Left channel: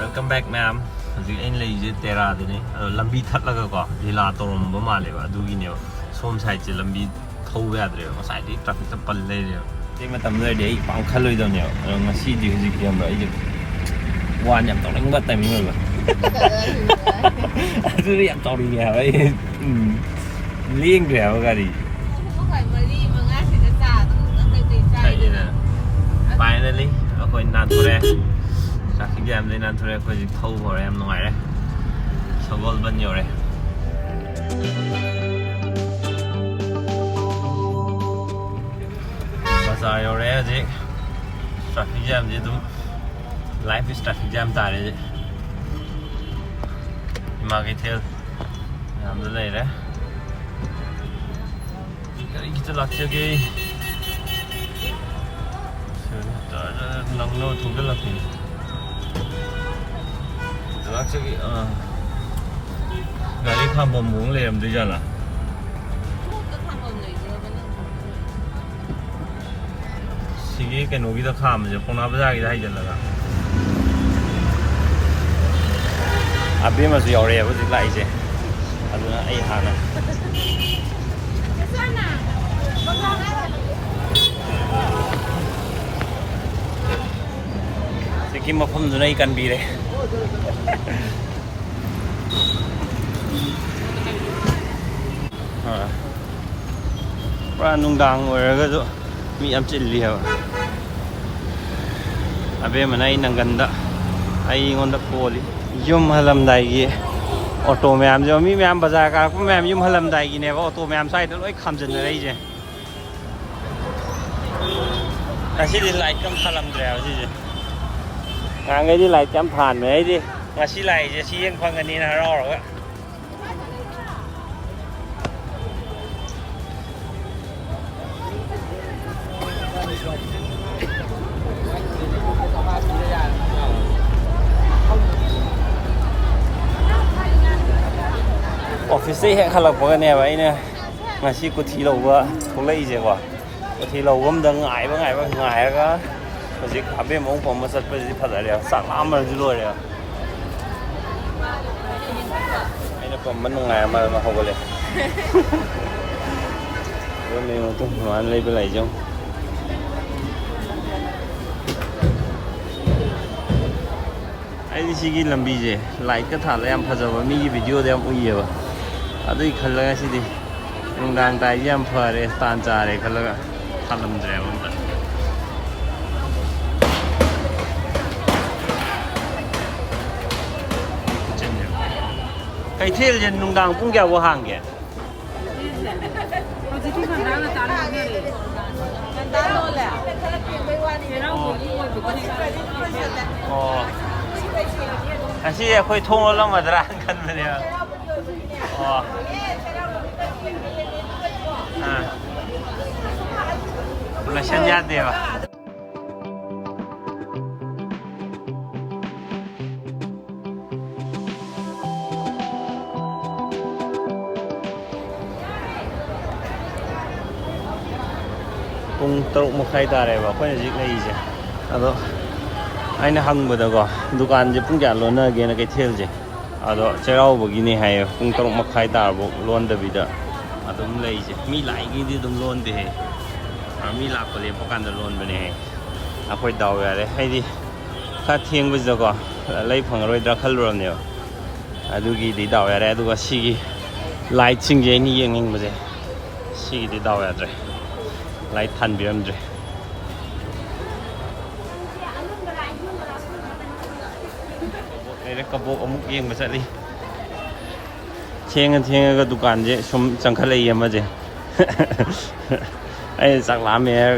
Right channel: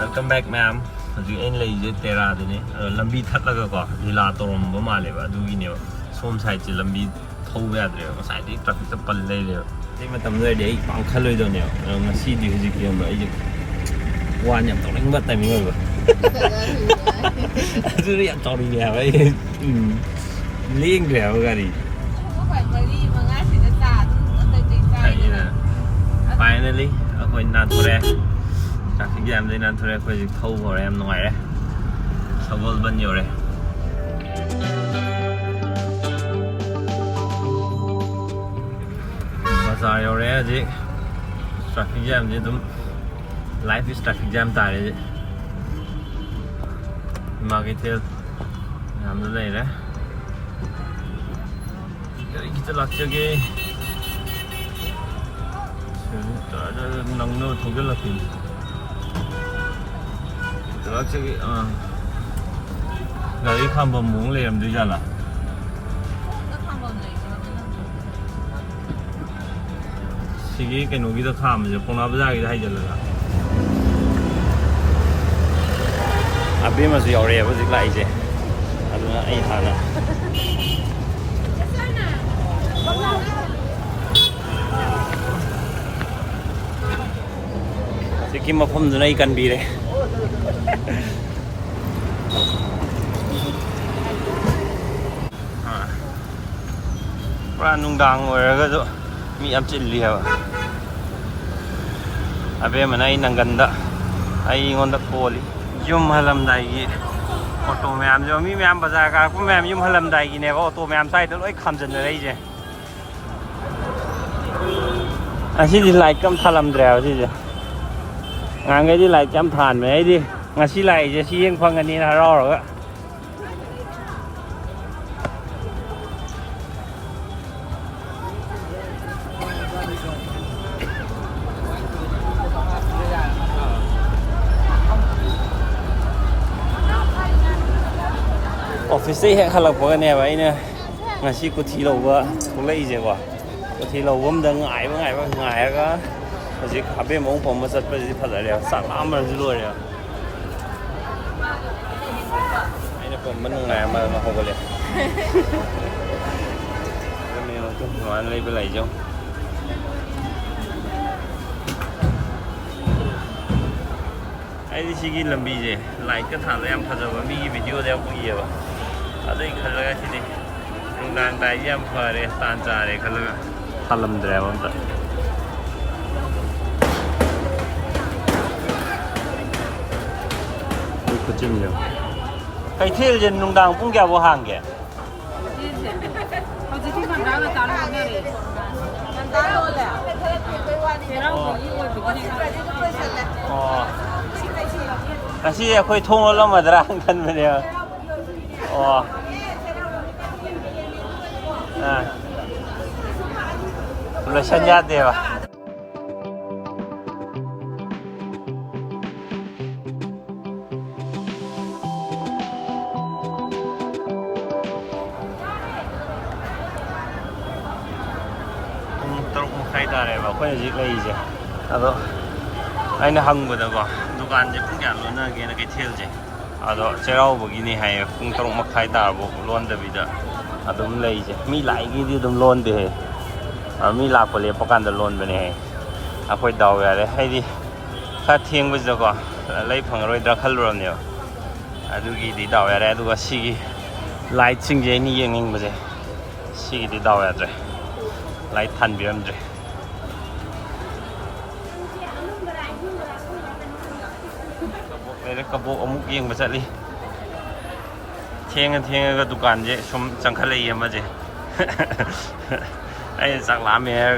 Welcome back ma'am ဒီအင်းလေးရေးတဲရာဒီနေ့လမ်းဘီထပ်လာကောဒီလာတော်မမလေးပါသူကြီးနေဆုံးဆိုင်ချလမ်းဘီထိုးရတယ်မဆိုင်ဒီ traffic ပလလေးဒီမှာတမ်းရတဲ့ပန်းခလွိတော့နေငါစီဒီကြီးကမအဲ့ဝါညံတော့လည်းမတိုင်မျိုးလို့သူရတော့ရရပဲလင်းကြရောကဒီfinally အခုနာတူရဲtraffic jam din nan thore khoi thau ho em noi re sogol ban yo re bazaar yo re ji traffic jam ji tum life is traffic jam ta re ji market hill nam de le re kari kita lak ge nang no thogel lak 저기 가리 한번 먹을래 하면 되잖아. 시기 cái 노기도 가면 이제 보나보자기도 하이절라가. 앞에 mà sự 요래 với dịch lại chứ. 아두나 ai 하나. Cái mà phong này cần đi đấy. Nungdang orang tu mi am cili apa? Abe mana ini nangganda, ayi ngondak poli. Jum halam daigi, auto meam jum mi meam bazar kar pun meam jum halam daigi ni, auto meam saya tu loi kham jen dari je. Asyik di light jam halam drive je. Ngang di light jam than mai di, masih light je sih yang pangan ni naro rồi. Office hẹn khá là có cái này vậy nè mà khi có thi lâu quá không lấy gì quá có thi lâu quá mình ngại quá mà chỉ cả bên mong phòng mà sắp tới thật là đẹp sáng lắm mà rồi đấy anh nó còn mình ngại mà không có liền rồi mình mà tôi nói lấy bên này không ai đi xí làm gì vậy lại cái thằng em phải giờ mà mi video thì em cũng nhiều đây khởi là cái gì đang đại em phải để tan ra để khởi là làm đẹp không ta có chim nhiều cái thiel trên nung đang cũng kéo vô hàng kìa cái gì khơi thùng lắm mà ra cần vậy nè là chân nhát đi à tung trục một khay ta này vào cái gì này chứ đó anh nó hăng bữa đó có dukaan chứ cũng chẳng luôn nữa kia là cái thiel chứ đó chơi begini hay tung trục một khay ta bộ luôn được bây giờ đúng lấy chứ mi lại cái gì đúng luôn thì mi lạc của liền bắc can luôn bên này khôi đầu về đấy hay đi phát thiên bây giờ có lấy phẳng rồi đã khăn luôn nhiều đôi khi đi đầu về đấy đôi khi lại chinh chế như vậy ngay bây giờ khi đi đầu về rồi lại thành biến rồi đây là cặp bộ ông yên mà sẽ đi thiên cái dukaan chứ xong chẳng khai lấy mà chứ ai chắc lắm mẹ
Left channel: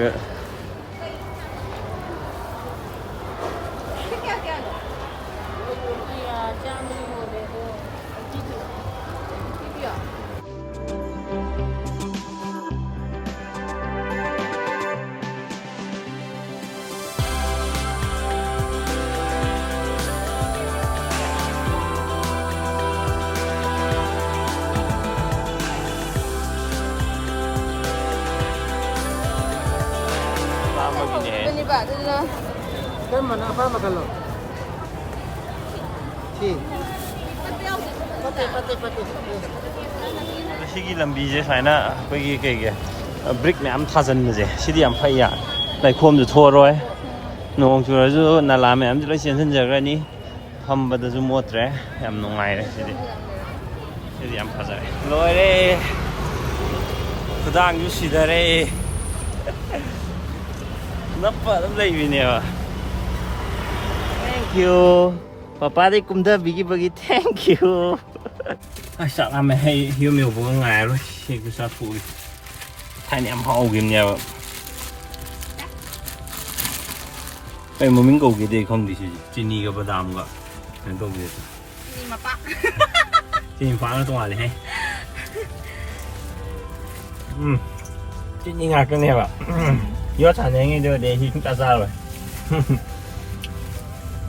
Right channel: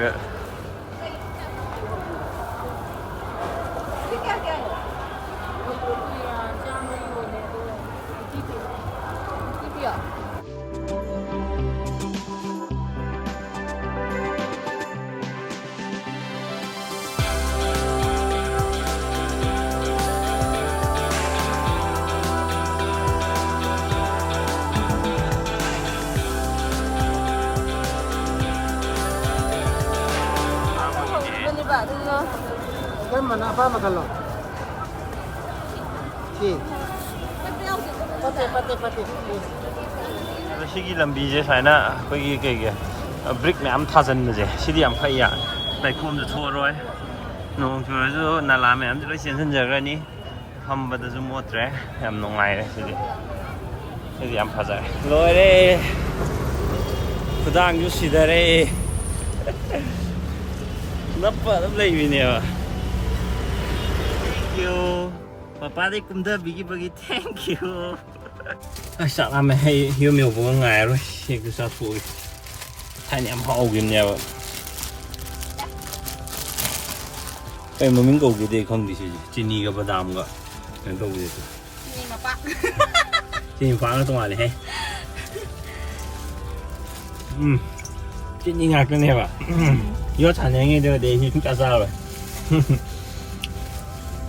Kan mana apa makan lo? Party party party party ꯁꯤꯒꯤ ꯂꯝꯕꯤꯁꯦ ꯁꯨꯃꯥꯏꯅ ꯑꯩꯈꯣꯏꯒꯤ ꯀꯩꯒꯤ brick ꯃꯌꯥꯝ ꯊꯥꯖꯤꯟꯕꯁꯦ ꯁꯤꯗꯤ ꯌꯥꯝ ꯐꯩ ꯂꯩꯈꯣꯝꯁꯨ ꯊꯣꯛꯑꯔꯣꯏ ꯅꯣꯡ ꯆꯨꯔꯁꯨ ꯅꯂꯥ ꯃꯌꯥꯝꯁꯨ ꯂꯣꯏ ꯆꯦꯟꯁꯤꯟꯖꯈ꯭ꯔꯅꯤ ꯐꯝꯕꯗꯁꯨ ꯃꯣꯠꯇ꯭ꯔꯦ ꯌꯥꯝ ꯅꯨꯡꯉꯥꯏꯔꯦ ꯁꯤꯗꯤ ꯌꯥꯝ ꯐꯖꯔꯦ ꯂꯣꯏꯔꯦ ꯈꯨꯗꯥꯡꯁꯨ ꯁꯤꯗꯔꯦ ꯅꯞꯄ ꯑꯗꯨꯝ ꯂꯩꯕꯤꯅꯦꯕ ꯊꯦꯡꯀ꯭ꯌꯨ ꯄꯄꯥꯗꯩ ꯀꯨꯝꯊꯕꯤꯈꯤꯕꯒꯤ ꯊꯦꯡꯀ꯭ꯌꯨ ꯑꯁ ꯆꯥꯛ ꯂꯥꯝꯃꯦ ꯍꯩ ꯌꯨꯝ ꯌꯧꯕꯒ ꯉꯥꯏꯔꯔꯣꯏ ꯍꯦꯛꯇ ꯆꯥꯊꯣꯛꯑꯒꯦ ꯊꯥꯏꯅ ꯌꯥꯝ ꯍꯥꯎꯈꯤꯕꯅꯦꯕ ꯀꯩ ꯃꯃꯤꯡ ꯀꯧꯒꯦꯗꯤ ꯈꯪꯗꯦ ꯁꯤꯁꯦ ꯆꯤꯅꯤꯒ ꯕꯗꯥꯝꯒ ꯀꯩꯅꯣ ꯇꯧꯕꯤꯗꯣ ꯆꯤꯅꯤ ꯃꯄꯥꯛꯅ ꯇꯣꯡꯉꯥꯜꯂꯦꯍꯦ ꯆꯤꯅꯤ ꯉꯥꯛꯇꯅꯦꯕ ꯌꯣꯠ ꯁꯥꯟꯅꯔꯤꯉꯩꯗꯗꯤ ꯑꯩ ꯁꯨꯡꯆꯥ ꯆꯥꯔꯣꯏ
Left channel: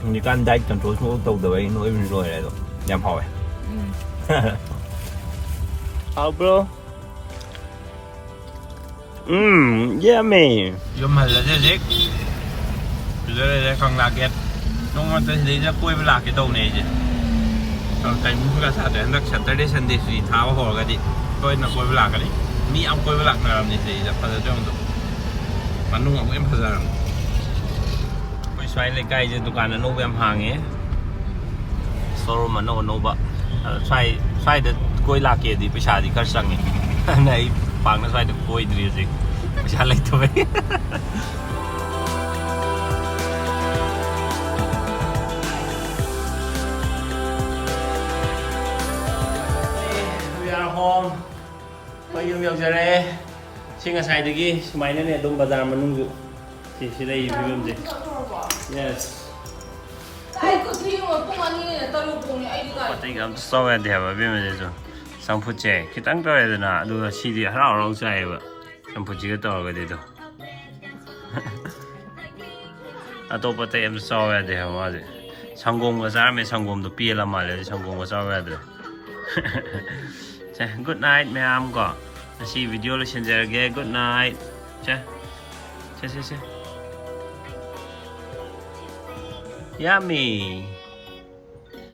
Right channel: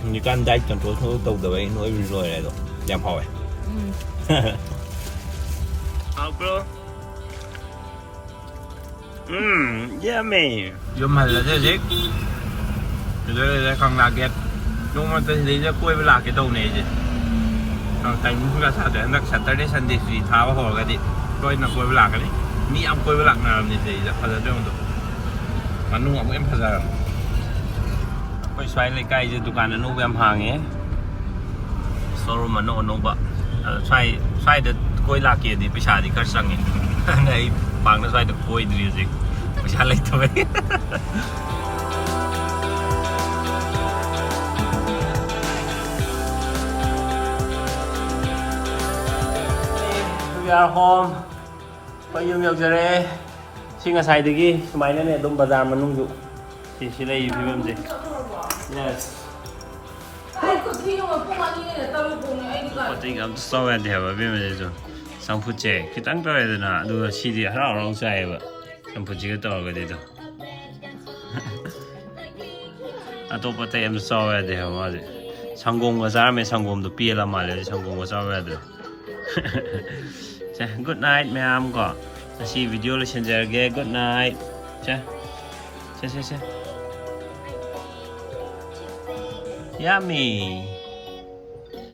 ꯍꯧꯖꯤꯛꯀꯥꯟ ꯗꯥꯏꯠ ꯀꯟꯇ꯭ꯔꯣꯜ ꯁꯨꯡꯇꯧ ꯇꯧꯗꯕ ꯑꯩ ꯅꯣꯏꯕꯁꯨ ꯂꯣꯏꯔꯦ ꯑꯗꯣ ꯌꯥꯝ ꯍꯥꯎꯋꯦ ꯍꯥꯎꯕ꯭ꯔꯣ ꯌꯥꯝꯃꯦ ꯌꯨꯝ ꯍꯜꯂꯁꯦ ꯍꯧꯖꯤꯛ ꯁꯤꯗ ꯀꯪꯂꯥ ꯒꯦꯠ ꯅꯣꯡꯃꯇ ꯁꯤꯗꯩꯗ ꯀꯣꯏꯕ ꯂꯥꯛꯀꯦ ꯇꯧꯅꯦ ꯑꯩꯁꯦ ꯇꯥꯏꯃꯤꯡ ꯈꯔ ꯆꯥꯗ꯭ꯔꯦ ꯍꯟꯗꯛ ꯁꯦꯇꯔꯗꯦ ꯁꯟꯗꯦ ꯁꯨꯇꯤ ꯊꯥꯕ ꯍꯧꯔꯒꯗꯤ ꯇꯣꯏꯅ ꯀꯣꯏꯕ ꯂꯥꯛꯀꯅꯤ ꯃꯤ ꯌꯥꯝ ꯀꯣꯏꯕ ꯂꯥꯛꯅꯔꯕꯅꯤ ꯁꯤꯗꯩꯗ ꯐꯖꯗ꯭ꯔꯕꯗꯣ ꯃꯅꯨꯡ ꯑꯃꯨꯛ ꯌꯥꯝ ꯐꯖꯔꯕꯅꯤ ꯑꯩꯈꯣꯏ ꯁ꯭ꯋꯥꯏ ꯂꯩꯀꯥꯏꯁꯦ ꯗꯨꯀꯥꯟ ꯑꯅꯧꯕ ꯌꯥꯝ ꯍꯥꯡꯉꯦ ꯁꯣꯔꯨꯝ ꯑꯅꯧꯕ ꯑꯗꯣ ꯁ꯭ꯋꯥꯏꯗ ꯀꯣꯏ ꯂꯥꯛꯀꯦꯗꯤ ꯄꯩꯁꯥꯗꯤ ꯈꯔ ꯆꯪꯉꯦ ꯑꯗꯨꯅ ꯑꯩ ꯄꯥꯛꯅ ꯁ꯭ꯋꯥꯏꯗ ꯀꯣꯏꯗ꯭ꯔꯤ ꯍꯧꯖꯤꯛ ꯄꯩꯁꯥ ꯂꯩꯇꯕꯩ We are home. ꯑꯩꯈꯣꯏ ꯌꯨꯝ ꯌꯧꯖꯔꯛꯑꯦ ꯁꯤ ꯉꯁꯥꯏꯗꯒꯤ ꯁꯨꯃꯥꯏꯅꯅꯦ ꯑꯗꯨꯝ ꯕꯖꯥꯔ ꯃꯅꯨꯡꯁꯨ ꯁꯤ ꯂꯩꯔꯤꯕ ꯐꯤꯕꯝꯁꯦ ꯌꯦꯁ ꯄꯣꯠ ꯆꯩꯒ ꯑꯝꯇ ꯆꯥꯎ ꯌꯥꯗꯦ ꯍꯥꯏꯕ ꯐꯤꯕꯝꯁꯤꯁꯨ ꯆꯝꯐꯨꯠꯁꯦ ꯈꯤꯇꯪ ꯇꯧꯔꯦꯗꯅ ꯑꯗꯨꯒ ꯁꯤꯗꯤ ꯍꯔꯥꯎ ꯍꯔꯥꯎ ꯆꯥꯏꯌꯦꯕ ꯆꯝꯐꯨꯠꯁꯤꯒ ꯇꯧꯔꯒꯗꯤ ꯑꯗꯣ ꯑꯇꯣꯞꯄ ꯑꯇꯩ ꯑꯝꯇ ꯆꯥꯎ ꯌꯥꯗꯦ ꯍꯥꯏꯕ ꯃꯥꯁꯦ ꯁꯪꯒꯣꯝꯒ ꯆꯥꯔꯝꯃꯦ ꯁꯪꯒꯣꯝꯗꯣ ꯄꯦꯜꯂ ꯃꯥꯜꯂꯦ ꯁꯪꯒꯣꯝꯒ ꯆꯥꯎ ꯌꯥꯗ꯭ꯔꯦ ꯒꯨꯗ ꯅꯥꯏꯠ ꯃꯌꯥꯝ ꯀꯣ ꯉꯁꯤ ꯚꯤꯗꯤꯑꯣ ꯂꯣꯏꯁꯤꯟꯖꯔꯒꯦ ꯒꯨꯗ ꯅꯥꯏꯠ ꯁꯦ Yummy!